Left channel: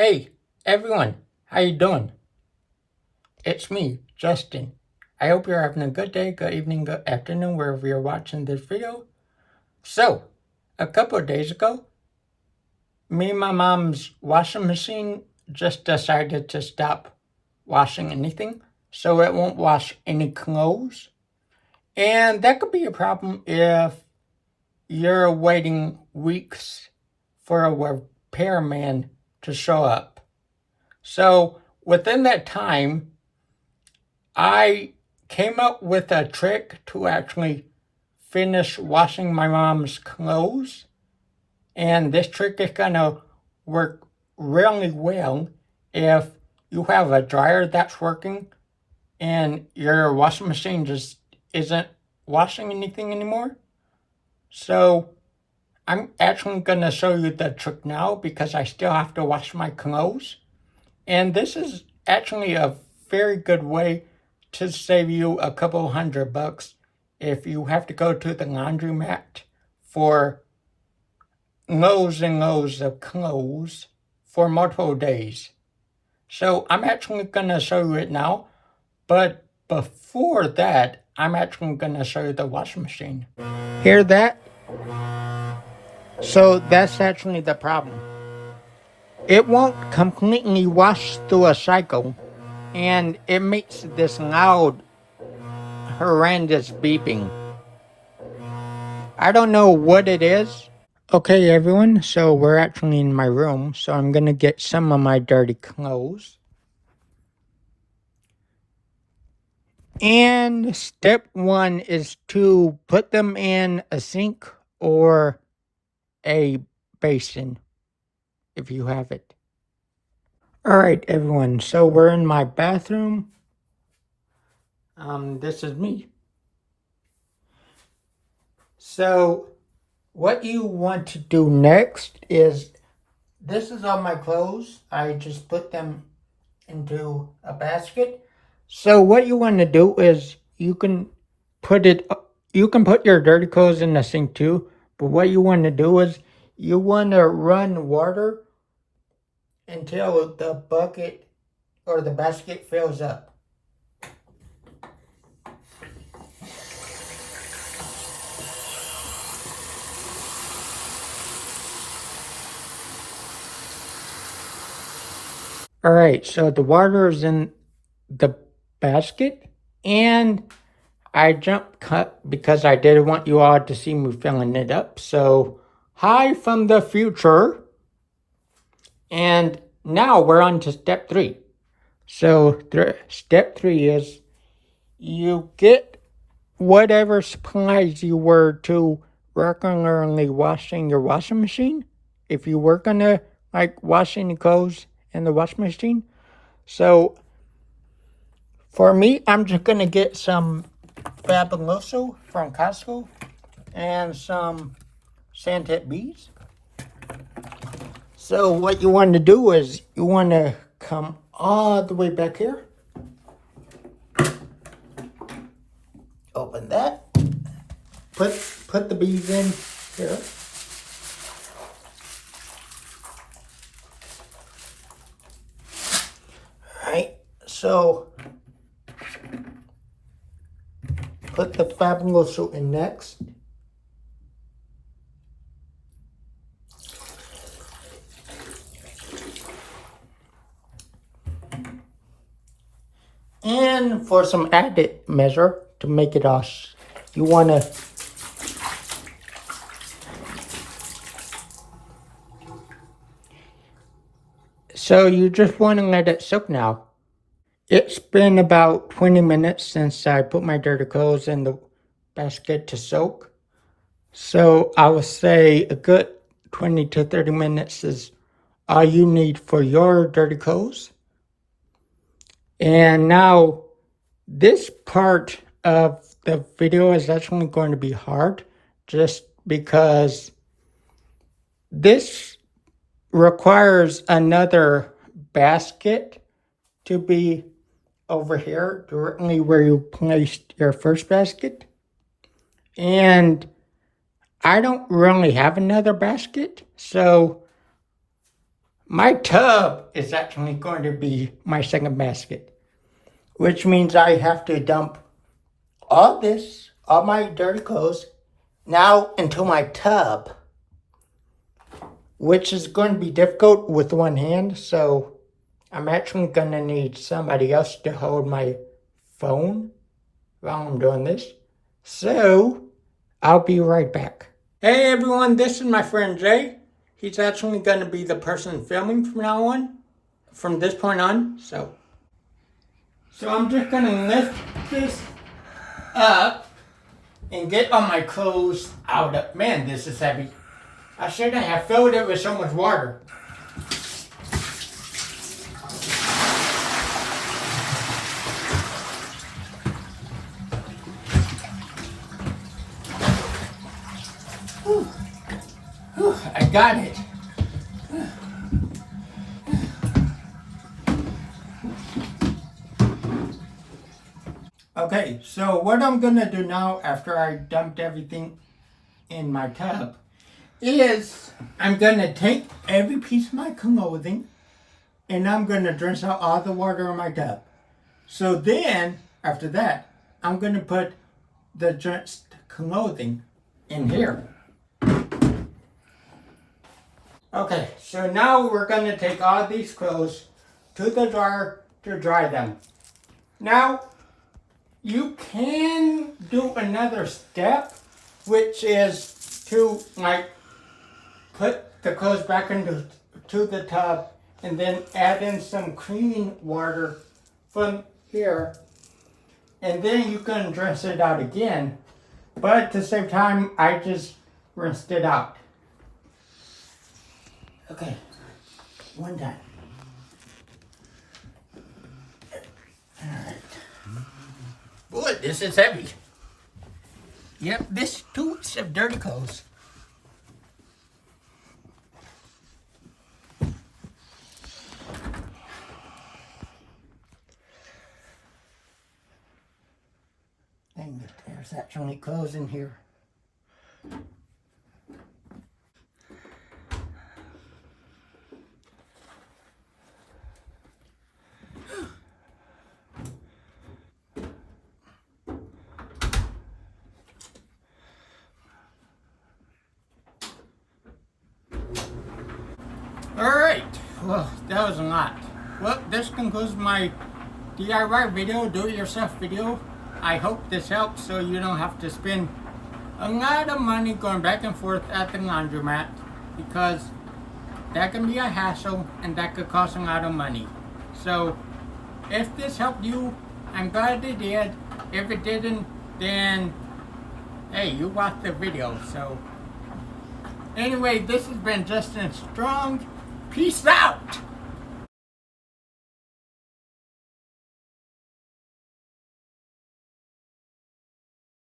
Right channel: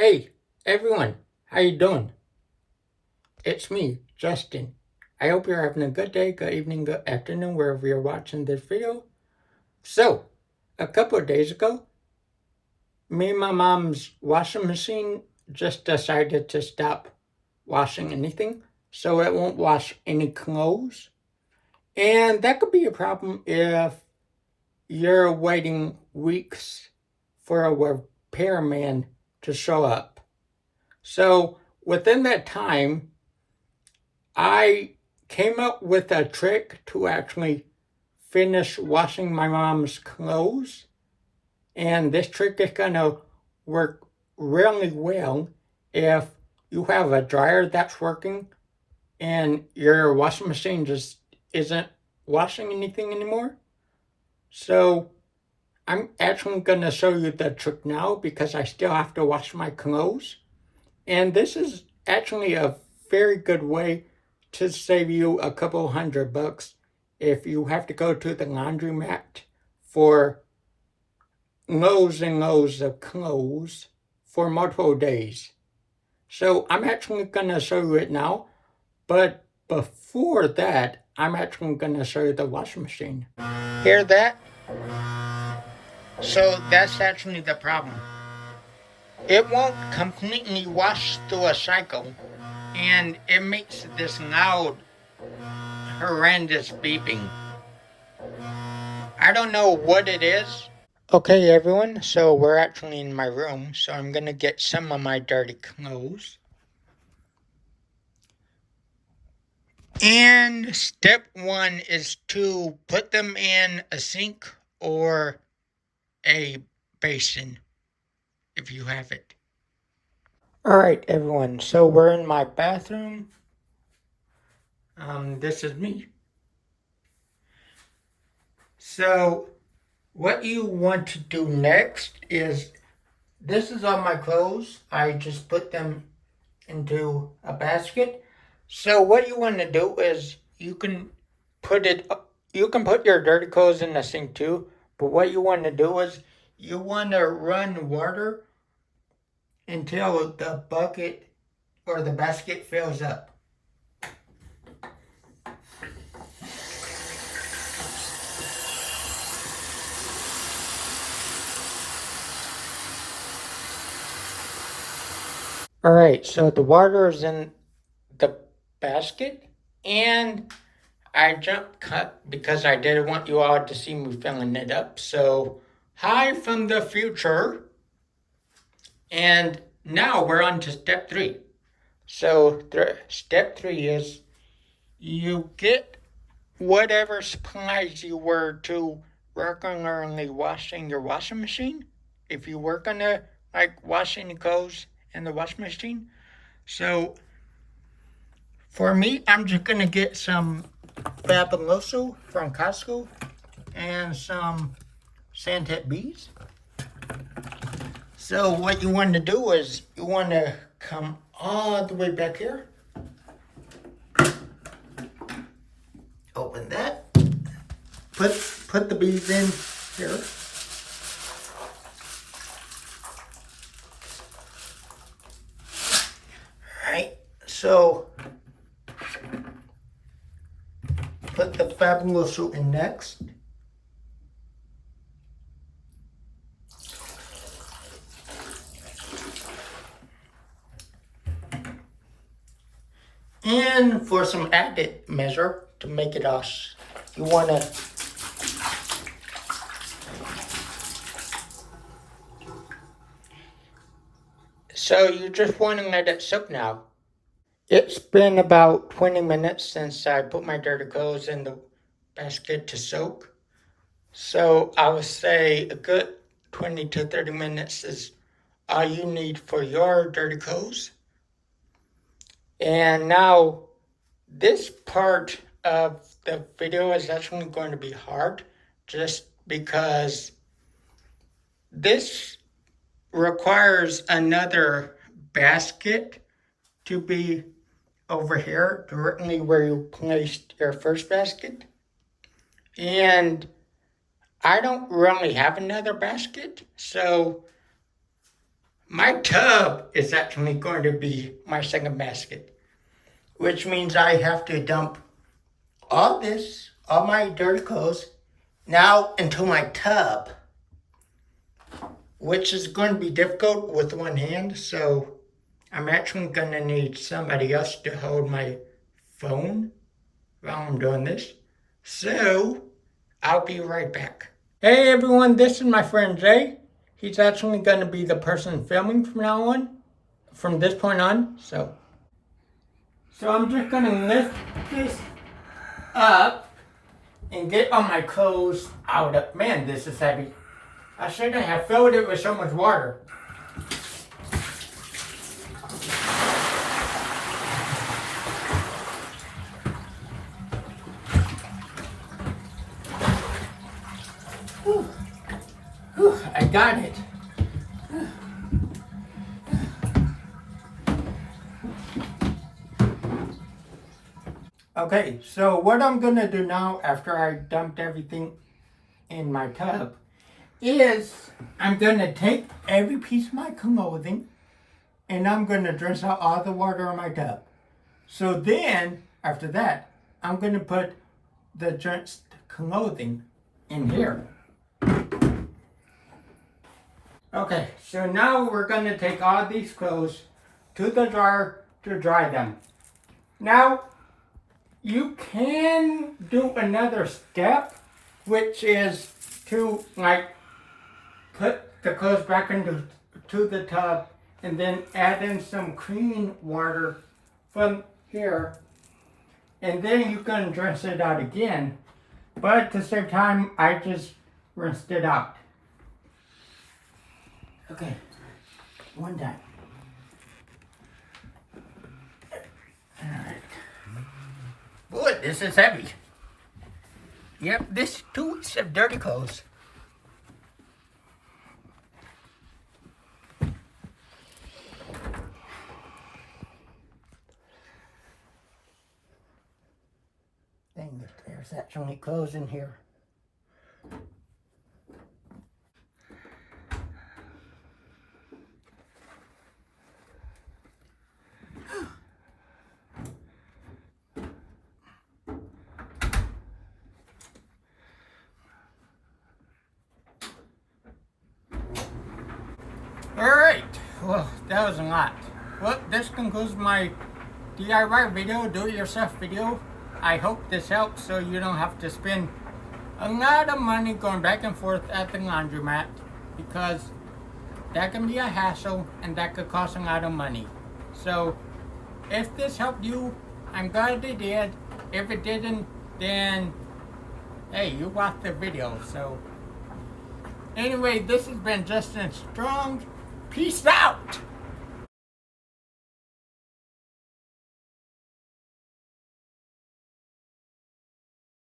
Hey, everyone, how you doing? It's me, Justin. I hope you're having a good day, good evening, good afternoon, wherever you're watching this video. So, a couple of days ago, me and my mom's washing machine just decided to stop washing anything, so it won't wash any clothes. And that could be a problem if you're waiting weeks for a repairman to show up. So, within that time, I came up with a trick to actually finish washing my mom's clothes. And this trick is going to work really well if you have a dryer that's working and your washing machine just isn't washing anything anymore. So I'm actually going to show you the trick now because I still have to wash my clothes. And this is actually a very good way to save you a couple $100 if you have to go to the laundromat for loads and loads of clothes for multiple days. So I'm actually going to show you it now, but before that, I'm actually going to show you the washing machine. Hear that? So that's actually the problem. It won't completely wash through a cycle, and it makes this loud, horrendous beeping. I don't know what it is. Okay, everyone, so we're actually in my room, so I'm gonna get some of my dirty clothes. And step one is to put them in a sink or a basin, if you have it. All right, everyone, so we're in my bathroom. This is me. So what you want to do next is, this is all my clothes. I just put them into a basket. So what you want to do is you can put your dirty clothes in the sink too, but what you want to do is you want to run water until the bucket or the basket fills up. All right, so the water is in the basket, and I jump cut because I didn't want you all to see me filling it up. So, hi from the future. And now we're on to step 3. So, step 3 is you get whatever supplies you were to regularly washing your washing machine. If you were gonna like washing the clothes in the washing machine. So, for me, I'm just gonna get some Fabuloso from Costco and some Sandtip bees. So what you want to do is you want to come all the way back here. Open that. Put the bees in here. All right. So put the Fabuloso in next. And for some added measure to make it us, you want to you just want to let it soak now. It's been about 20 minutes since I put my dirty clothes in the basket to soak. So I would say a good 20 to 30 minutes is all you need for your dirty clothes. And now this part of the video is actually going to be hard just because this requires another basket to be over here directly where you placed your first basket. And I don't really have another basket, so My tub is actually going to be my second basket, which means I have to dump all my dirty clothes, now into my tub, which is going to be difficult with one hand, so I'm actually going to need somebody else to hold my phone while I'm doing this. So, I'll be right back. Hey everyone, this is my friend Jay. He's actually going to be the person filming from this point on. So I'm just going to lift this up and get all my clothes out of. Man, this is heavy. I shouldn't have filled it with so much water. I got it. Okay, so what I'm gonna do now after I dumped everything in my tub is I'm gonna take every piece of my clothing and I'm gonna rinse out all the water in my tub. So then, after that, I'm gonna put the drenched clothing in here. Okay, so now we're going to take all these clothes to the dryer to dry them. Now, you can do another step, which is to put the clothes back into the tub and then add in some clean water from here. And then you can rinse it out again. But at the same time, I just rinsed it out. Okay, one time. Alright. Boy, this is heavy. Yep, this too is of dirty clothes. Dang it, there's actually clothes in here. Alright, well, that was a lot. Well, this concludes my DIY video, do-it-yourself video. I hope this helps so you don't have to spend a lot of money going back and forth at the laundromat, because that can be a hassle and that could cost a lot of money. So, if this helped you, I'm glad it did. If it didn't, then, hey, you watched the video, so. Anyway, this has been Justin Strong. Peace out!